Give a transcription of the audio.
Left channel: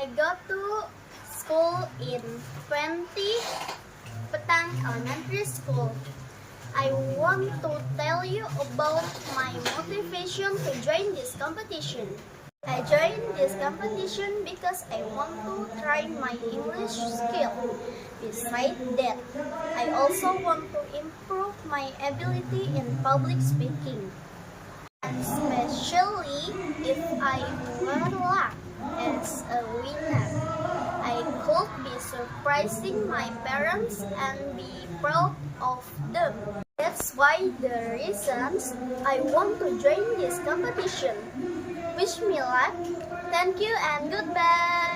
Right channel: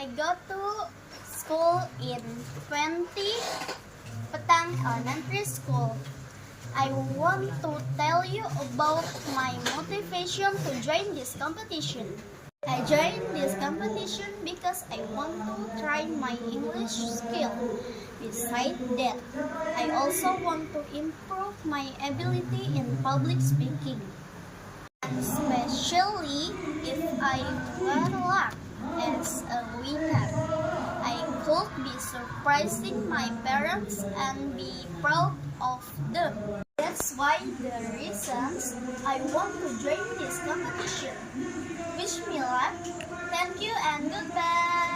I go to school in 20 Petang Elementary School. I want to tell you about my motivation to join this competition. I joined this competition because I want to try my English skill. Besides that, I also want to improve my ability in public speaking. Especially if I were luck as a winner, I could be surprising my parents and be proud of them. That's why the reasons I want to join this competition. Wish me luck. Thank you and goodbye.